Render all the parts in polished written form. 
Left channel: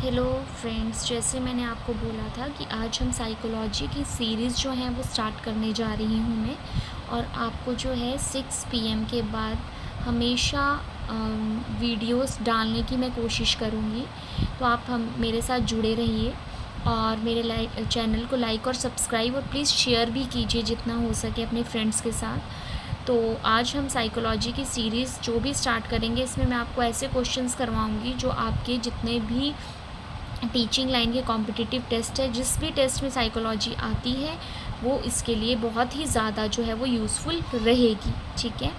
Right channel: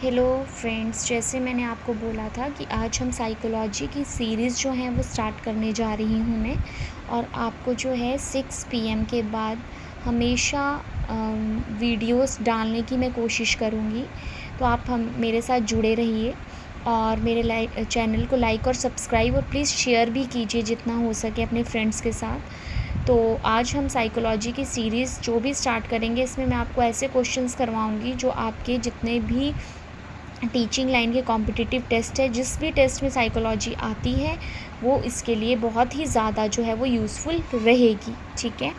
Hello friends, जैसे मैंने आपको बोला था कि आज हम साइकोलॉजी की सीरीज़ जो है वो स्टार्ट करने जा रही हूँ मैं। और आपको जो है 6 पीएम के बाद हमेशा वीडियोस डालने की मैं कोशिश करूँगी। तो आप हम मेरे साथ जुड़े रहिए और मेरे चैनल को लाइक और सब्सक्राइब और प्लीज़ शेयर भी कीजिए जितना हो सके अपने फ्रेंड्स के साथ। तो आज हम साइकोलॉजी की सीरीज़ जो भी स्टार्ट करेंगे, इसमें मैं आपको ऐसे क्वेश्चंस करवाऊँगी जो आपके जितने भी टीचिंग लाइन के कॉम्पिटिटिव टेस्ट है, जिस भी टेस्ट में साइकोलॉजी आती है वो इसके लिए बहुत ही ज़्यादा जो है वो यूज़फुल रहेगी। ठीक है,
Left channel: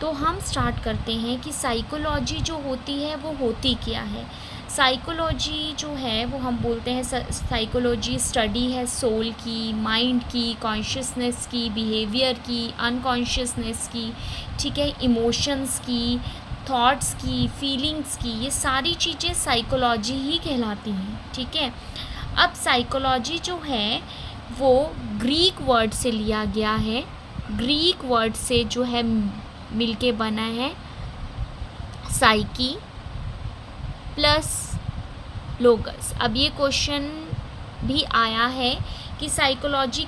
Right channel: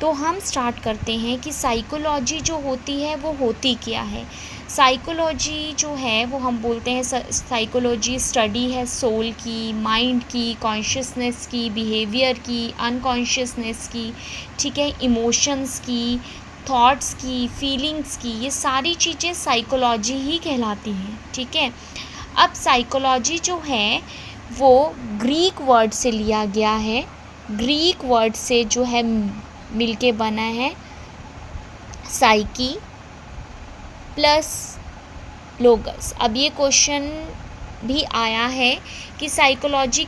तो हम स्टार्ट करते हैं कि साइकोलॉजी जो होती है वो होती क्या है। साइकोलॉजी जो है वो हम बोलते हैं साइकोलॉजी स्टडी है सोल की, माइंड की, कॉन्शियसनेस की, बिहेवियर की, अनकॉन्शियसनेस की, ठीक है, इमोशंस की, थॉट्स की, फीलिंग्स की, ये सारी चीज़ें साइकोलॉजी ही कहलाती हैं। ठीक है, अब साइकोलॉजी जो है वो ग्रीक वर्ड से लिया गया है, ग्रीक वर्ड से जो है मिलके बना है साइकी प्लस लोगस। अब ये क्वेश्चन भी आया है कि साइकोलॉजी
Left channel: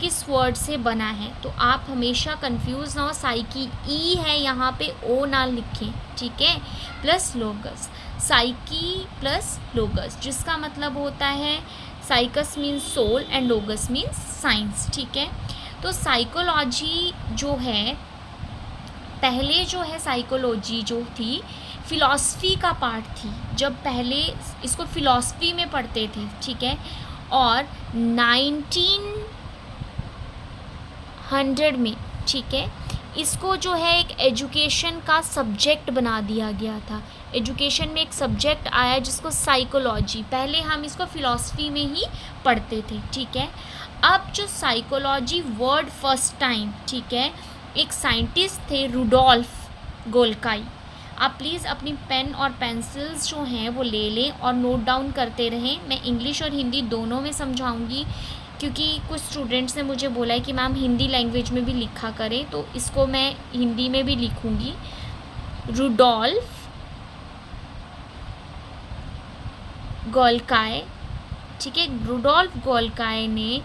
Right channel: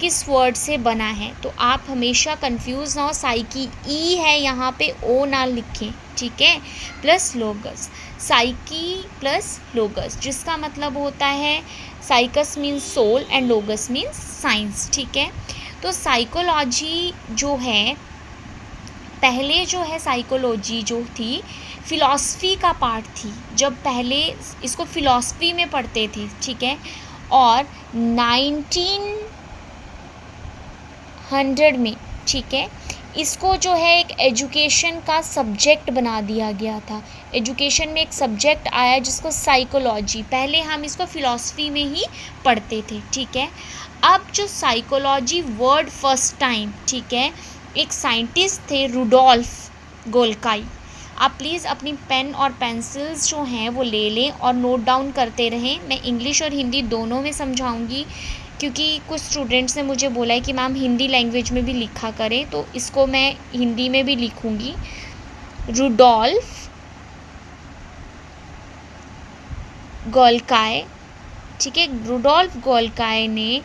किस वर्ड से बना है, तो आप हमेशा कंफ्यूज ना हो। साइकी ई है यहाँ पे, ओ ना लिखें, ठीक है, plus logos, psyche plus logos, जिसका मतलब होता है साइकस means soul and logos means science. ठीक है, तो साइकोलॉजी जो है, पहले जो है साइकोलॉजी जो थी फ़िलॉसफ़ी का पार्ट थी, जब पहले इसको फ़िलॉसफ़ी में पढ़ते थे। ठीक है, और 1900 में, ठीक है, इसको जो है एक एजुकेशन का सब्जेक्ट बना दिया गया था। एजुकेशन में एक सब्जेक्ट आया जिसको साइकोलॉजी, पहले हम इसको फ़िलॉसफ़ी में ही पढ़ते थे। ठीक है, अब जो साइकोलॉजी वर्ड फर्स्ट टाइम, ठीक है, एक साइंटिस्ट थे रुडोल्फ गोल्काई। आप प्लीज़ अपनी पेन और पेंसिल्स जो हैं वो ले लें और नोट डाउन करते रहें। मैं इंग्लिश और हिंदी दोनों में समझाऊंगी, क्योंकि कुछ स्टूडेंट्स ने मुझे बोला है कि मैम हिंदी लैंग्वेज में भी लिखा करें, तो इसको मैं हिंदी में भी लिखूंगी। रुडोल्फ गोल्काई, ठीक है, रुडोल्फ गोल्काई ने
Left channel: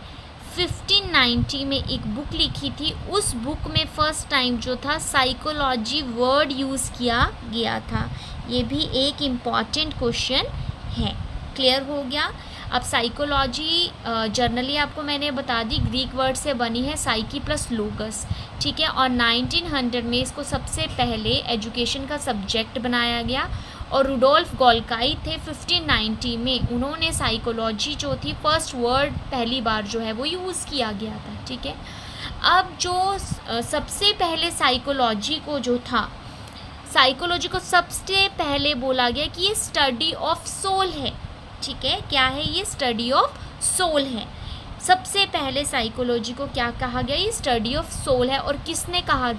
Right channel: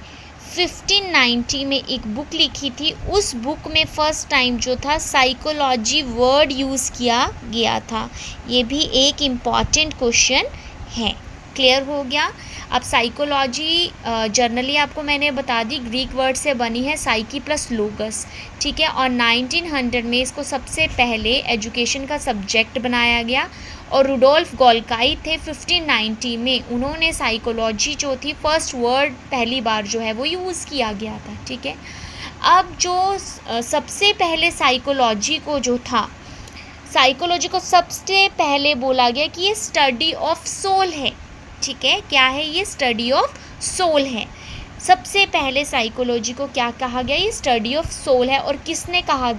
1590 में एक बुक लिखी थी। उस बुक में फ़र्स्ट टाइम जो था साइकोलॉजी वर्ड यूज़ किया गया था। ये भी एक इम्पॉर्टेंट क्वेश्चन है। क्लियर हो गया। अब साइकोलॉजी जर्नली आपको मैंने बता दी ग्रीक वर्ड से बनी है, साइकी प्लस लोगस। ठीक है, और 1900 में इसको सबसे पहले एजुकेशन का सब्जेक्ट बनाया गया और रुडोल्फ गोल्काई थे 1590 में, उन्होंने साइकोलॉजी जो थी फर्स्ट वर्ड पहली बार जो है वो यूज़ किया गया था। ठीक है, अब जो सबसे पहले साइकोलॉजी को जो था, साइकोलॉजी को सबसे पहले बोला गया कि ये स्टडी ऑफ सोल है। ठीक है, क्या है ये? स्टडी ऑफ सोल है। सबसे पहले साइकोलॉजी को क्या कहा गया? ये स्टडी ऑफ सोल है। और किसने कहा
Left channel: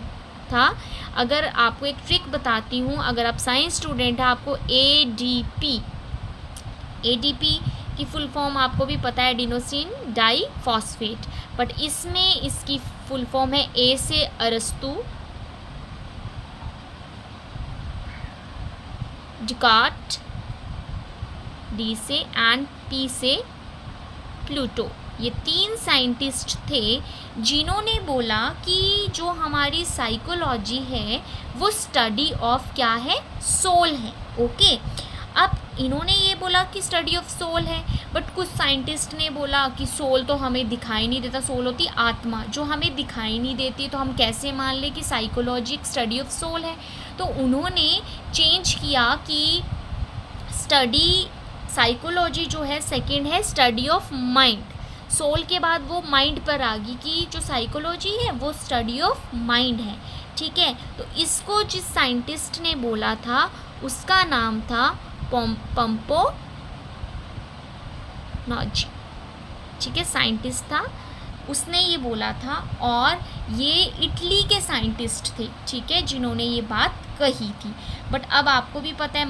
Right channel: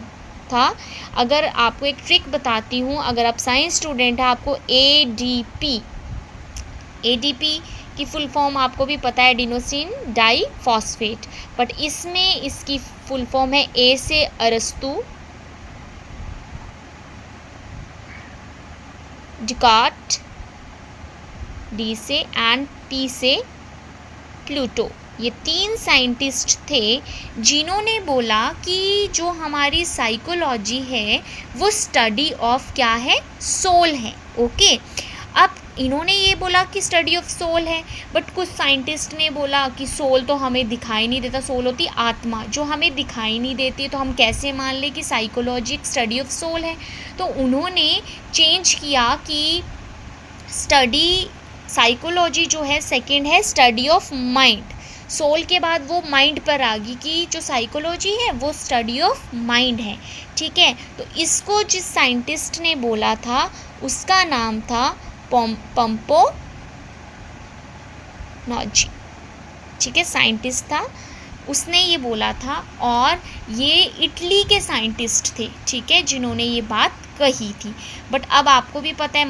था? अगर आपको एक ट्रिक बताती हूँ, अगर आप साइंस स्टूडेंट हैं, आपको एडीपी की फुल फॉर्म आपको भी पता है, एडिनोसिन डाई फॉस्फेट, बट इसमें इसकी फुल फॉर्म है ए से अरस्तु, डिकार्ट, डी से, एंड पी से प्लूटो। ये 3 साइंटिस्ट थे जिन्होंने बोला कि जो हमारी साइकोलॉजी है वो स्टडी ऑफ क्या है? सोल है। ओके, अब इन्होंने ये बोला कि स्टडी ऑफ सोल है, बट कुछ साइंटिस्ट ने बोला कि सोल तो हमें दिखाई नहीं देता, सोल होती आत्मा जो हमें दिखाई नहीं देती, तो हम कैसे मान लें कि साइकोलॉजी एक स्टडी ऑफ सोल है। तो उन्होंने चेंज किया कि स्टडी साइकोलॉजी जो है सेकंड है स्टडी ऑफ माइंड। सोल के बाद वो माइंड पर आ गई कि जो साइकोलॉजी है वो स्टडी ऑफ माइंड है। ठीक है, तो इसको जिस साइंटिस्ट ने बोला था उसका नाम था पंपोनॉजी। ठीक है, साइंटिस्ट था, उसने ये बोला था, और ये इटली के साइंटिस्ट थे, ठीक है, जिन्होंने ये बात कही थी। बट अब आपको भी पता है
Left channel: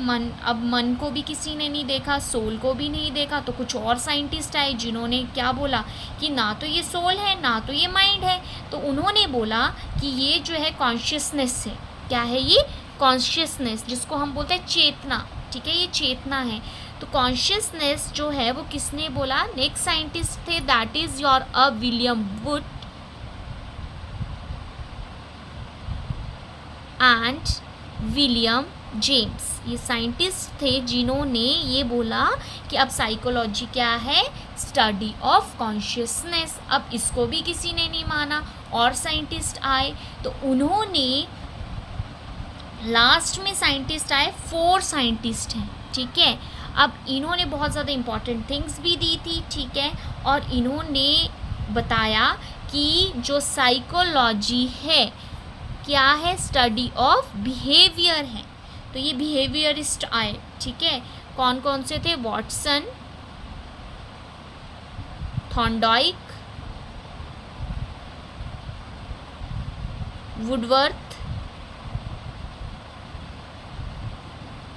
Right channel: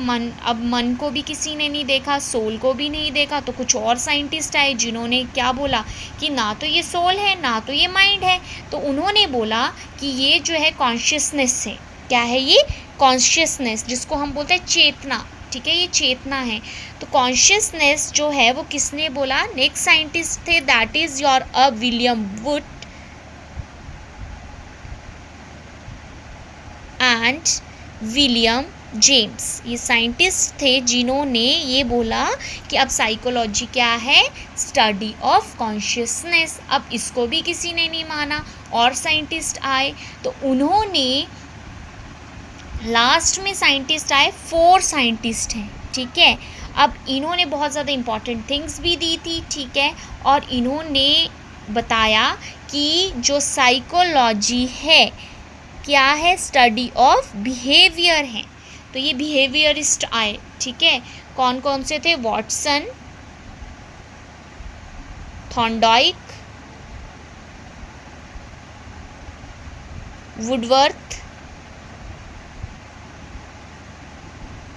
मन को भी किसी ने नहीं देखा, सोल को भी नहीं देखा, तो कुछ और साइंटिस्ट आए जिन्होंने क्या बोला कि ना तो ये सोल है ना तो ये माइंड है। तो उन्होंने बोला कि ये जो है कॉन्शियसनेस है। क्या है ये? कॉन्शियसनेस, जिसको हम बोलते हैं चेतना। ठीक है, ये चेतना है। तो कॉन्शियसनेस जो है वो किसने बोला? नेक्स्ट साइंटिस्ट थे, that is your William would and William James. ये साइंटिस्ट थे जिन्होंने ये बोला कि अब साइकोलॉजी क्या है? Study of consciousness. अब इसको भी किसी ने नहीं माना, और साइंटिस्ट आए, तो उन्होंने लास्ट में साइंटिस्ट आए, 4 साइंटिस्ट हैं, ठीक है। अब इन्होंने बहुत ज़्यादा इम्पॉर्टेंट थिंग्स भी दी थी, ठीक है, और इन्होंने बताया कि जो साइकोलॉजी है क्या है? स्टडी ऑफ बिहेवियर है। तो ये बिहेवियरिस्ट आए, ठीक है। कौन कौन से थे? वॉटसन, थॉर्नडाइक, वुडवर्थ,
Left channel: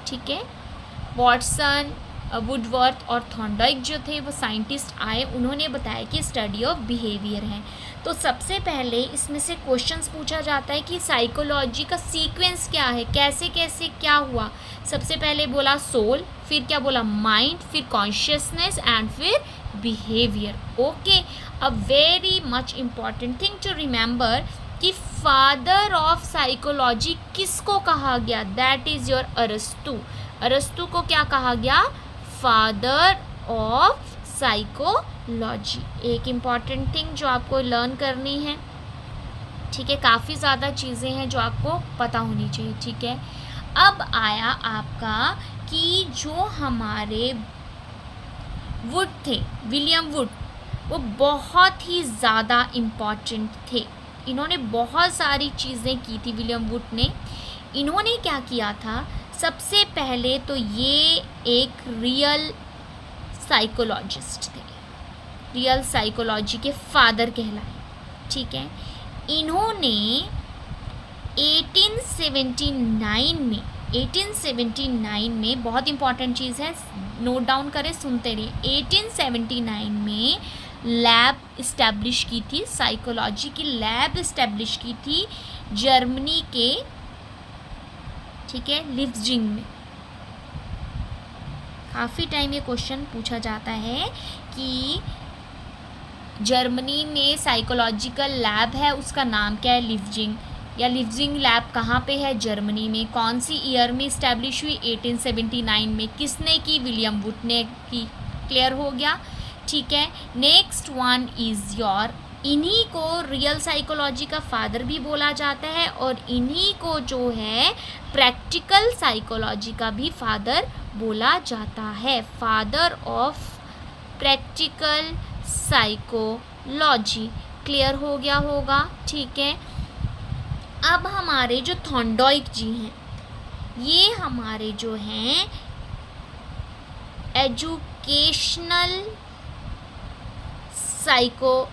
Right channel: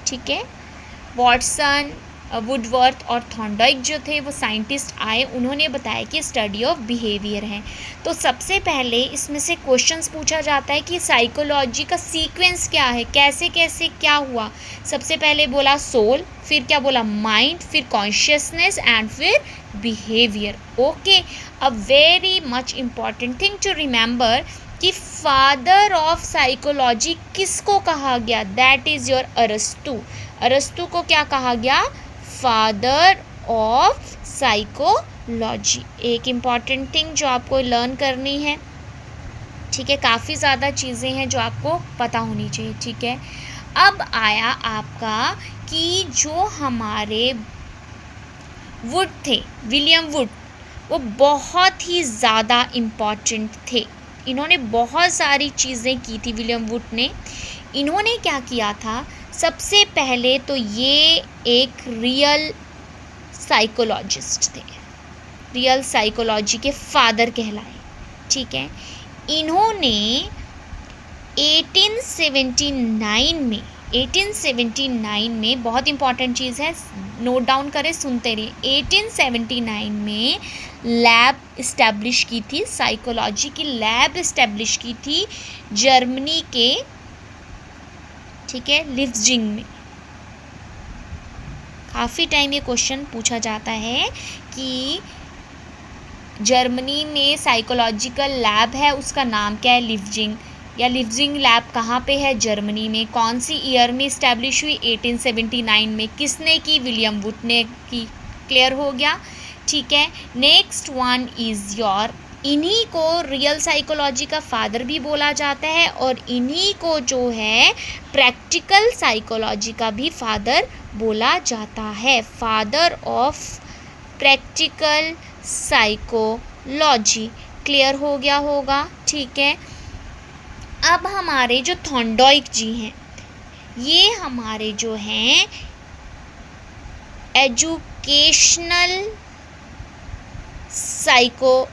ठीक है। वॉटसन, वुडवर्थ और थॉर्नडाइक जो थे वो साइंटिस्ट आए, उन्होंने बताया कि स्टडी ऑफ बिहेवियर है। तो सबसे पहले इसमें से क्वेश्चंस पूछा जाता है कि साइकोलॉजी का सीक्वेंस क्या है, कैसे कैसे क्या हुआ। सबसे पहले बोला सोल, फिर क्या बोला? माइंड, फिर कॉन्शियसनेस एंड फिर behaviour. Okay, a very much important thing to remember कि फादर ऑफ साइकोलॉजी किसको कहा गया? दैट इज योर अरस्तु। अरस्तु को क्या कहा गया? Father of psychology. एक इम्पॉर्टेंट थिंग जो आपको लर्न करनी है, ठीक है। काफ़ी ज़्यादा चीज़ें हैं जो आपको पता होनी चाहिए, ठीक है। अब आया आपका कि जो हमारे वुड थे, विलियम वुड, वो बहुत ही ज़्यादा इम्पॉर्टेंट थे। इन्होंने बहुत सारी चीज़ें की थी विलियम वुड ने। इन्होंने क्या किया था? सबसे पहले तो ये एक रियल साइकोलॉजिस्ट थे, रियल साइकोलॉजी के फादर कहलाए, ठीक है। इन्होंने 1879 में बहुत इंपॉर्टेंट चीज़ है, नोट डाउन करें, सुनते रहिए। 1879 में लैब इस्टेब्लिश की थी, साइकोलॉजी की लैब इस्टेब्लिश की थी जर्मनी के, ठीक है, लिप्जिंग में। काफ़ी टाइम ये क्वेश्चन पूछा जाता है कि जर्मनी में साइकोलॉजिकल लैब है, उसका नाम क्या है? लिप्जिंग, या लिप्जिंग लैब कहाँ पे है? जर्मनी में। कौन सी ईयर में इस्टेब्लिश हुई? 1879 में। किसने की? विलियम वुड ने की। क्लियर हो गया, ठीक है। नेक्स्ट वन इज़ योर, इन्हीं को रियल साइकोलॉजी का फादर भी बोला जाता है, और इन्हीं को जो है प्रैक्टिकल साइकोलॉजी का भी फादर बोला जाता है। Father of practical psychology. Clear हो गया होगा, ठीक है। अब हमारे जो थॉर्नडाइक जी हैं, ये हमारे जो हैं एजुकेशनल साइकोलॉजी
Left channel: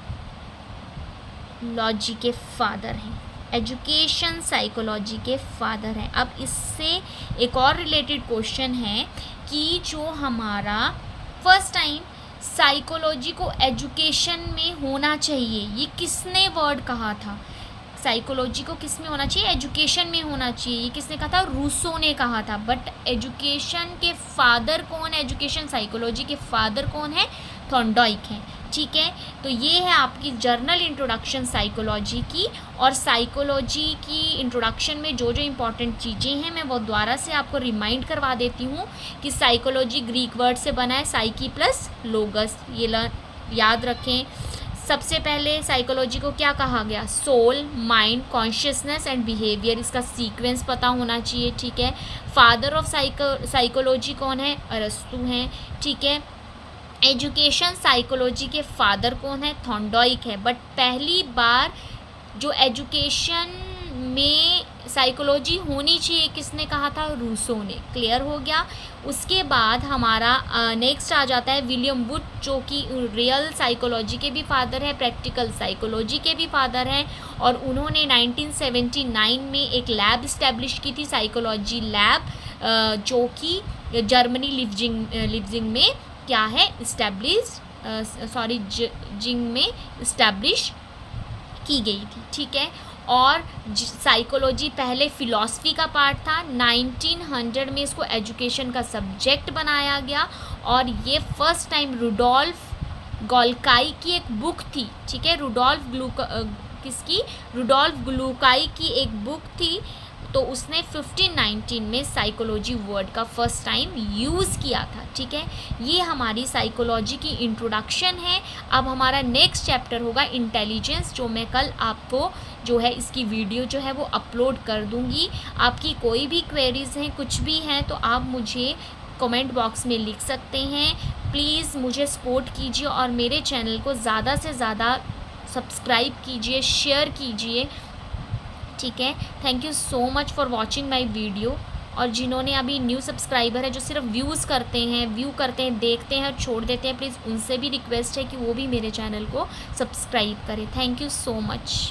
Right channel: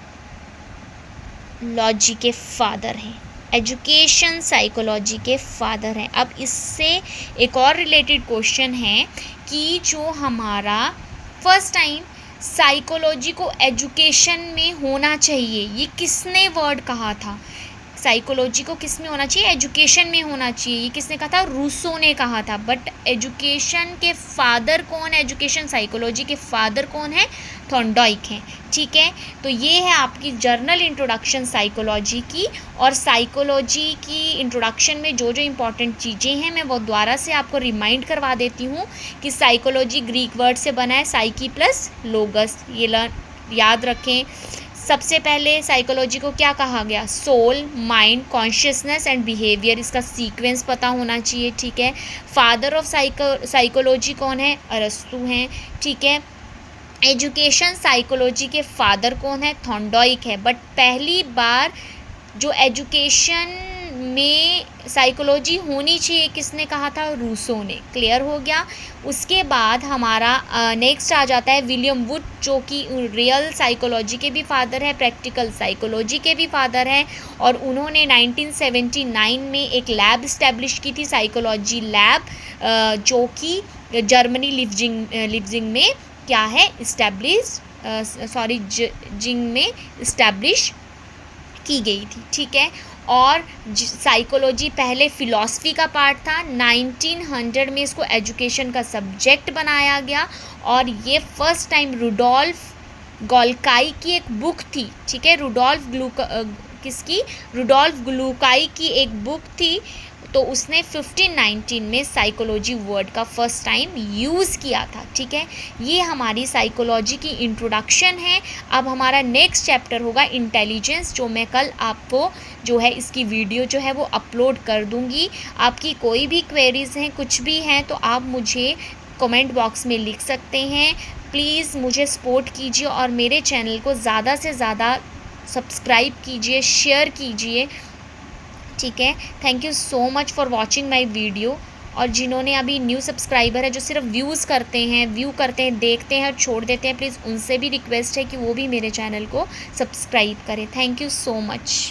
के फादर हैं, एजुकेशन साइकोलॉजी के फादर हैं। अब इससे एक और रिलेटेड क्वेश्चन है कि जो हमारा फर्स्ट टाइम साइकोलॉजी को एजुकेशन में होना चाहिए, ये किसने वर्ड कहा था? साइकोलॉजी को किस में होना चाहिए? एजुकेशन में होना चाहिए। ये किसने कहा था? रूसो ने कहा था। बट एजुकेशन के फादर कौन है? एजुकेशन साइकोलॉजी के फादर कौन है? थॉर्नडाइक हैं, ठीक है। तो ये है आपकी जर्नल इंट्रोडक्शन साइकोलॉजी की। और साइकोलॉजी की इंट्रोडक्शन में जो जो इम्पॉर्टेंट चीज़ें हैं मैं वो दोबारा से आपको रिमाइंड करवा देती हूँ कि साइकोलॉजी ग्रीक वर्ड से बना है, साइकी प्लस लोगस। ये याद रखें। सबसे पहले साइकोलॉजी को क्या कहा गया? Soul, mind, consciousness and behaviour. इसका सीक्वेंस पता होना चाहिए, ठीक है। फादर ऑफ साइकोलॉजी कौन है? अरस्तु हैं, ठीक है। एजुकेशन साइकोलॉजी के फादर कौन है? थॉर्नडाइक है। बट पहली बार जो एजुकेशन में साइकोलॉजी होनी चाहिए किसने कहा था? रूसो ने। क्लियर हो गया। उसके बाद हमारा नेक्स्ट आ जाता है विलियम वुड, जो कि रियल साइकोलॉजी के भी फादर है, प्रैक्टिकल साइकोलॉजी के भी फादर हैं। और उन्होंने 1979 में एक लैब इस्टेब्लिश की थी, साइकोलॉजी लैब, जो कि जर्मनी लिप्जिंग में क्या है? जिंग में इस्टेब्लिश की गई थी, ठीक है। और साइकोलॉजी पहले फ़िलॉसफी का पार्ट था, 1900 में इसको एजुकेशन का सब्जेक्ट बनाया गया और ये फर्स्ट टाइम रुडोल्फ गोल्काई की एक बुक थी, ठीक है, रुडोल्फ ग्लूकाई की एक बुक थी, तो उसने 1519 में साइकोलॉजी वर्ड का फर्स्ट टाइम यूज़ किया था, ठीक है। ये हमारी साइकोलॉजी की इंट्रोडक्शन है। अब हमारा नेक्स्ट चैप्टर होगा इंटेलिजेंस, जो मैं कल आपको जो है इसकी वीडियो जो है वो अपलोड कर दूंगी। आपकी कोई भी क्वेरीज़ हैं, कुछ भी हैं, तो आप मुझे कमेंट बॉक्स में लिख सकते हैं। प्लीज़ मुझे सपोर्ट कीजिए और मेरे चैनल को ज़्यादा से ज़्यादा सब्सक्राइब कीजिए, शेयर कीजिए, ठीक है। Thank you so much for watching my video. और जिन्होंने अभी न्यू सब्सक्राइबर है, जो सिर्फ व्यू करते हैं, देखते हैं और छोड़ देते हैं, प्लीज़ उनसे भी रिक्वेस्ट है कि वो भी मेरे चैनल को सब्सक्राइब करें। Thank you so much.